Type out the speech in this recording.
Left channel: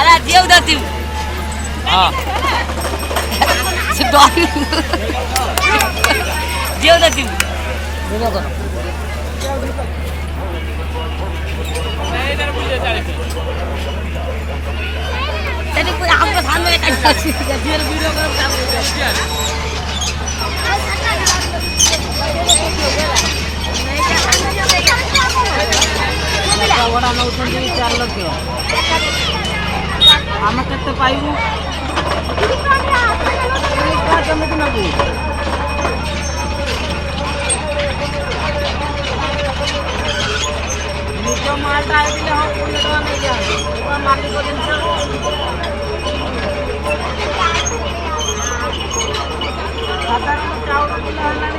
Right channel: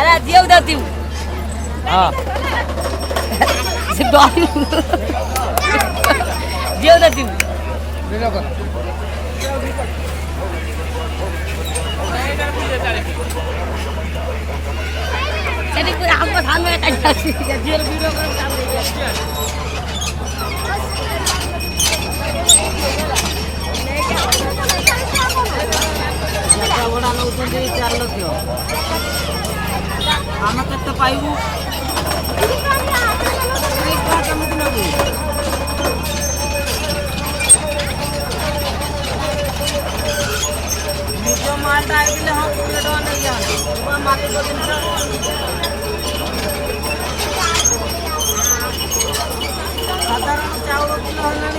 अरे जियो देती हूँ हाँ जियो देती हूँ वीडियो करो चलिए पूरा हमको सामने जियो वीडियो करो ବଡ଼ା ନେଉଛନ୍ତି 4 ଲକ୍ଷ ଆମେ କେତେ ପାଇବୁ କେମିତି ନେବୁ ନିଜ ମାଲଟା ହେଇଥିଲେ ହଁ 20 ଟଙ୍କା ନେଇଯାଆନ୍ତୁ ମାଲିକ ଜିନିଷ ସାଧାରଣ ଚାଉଳ କିଲୋ ହେଲାଣି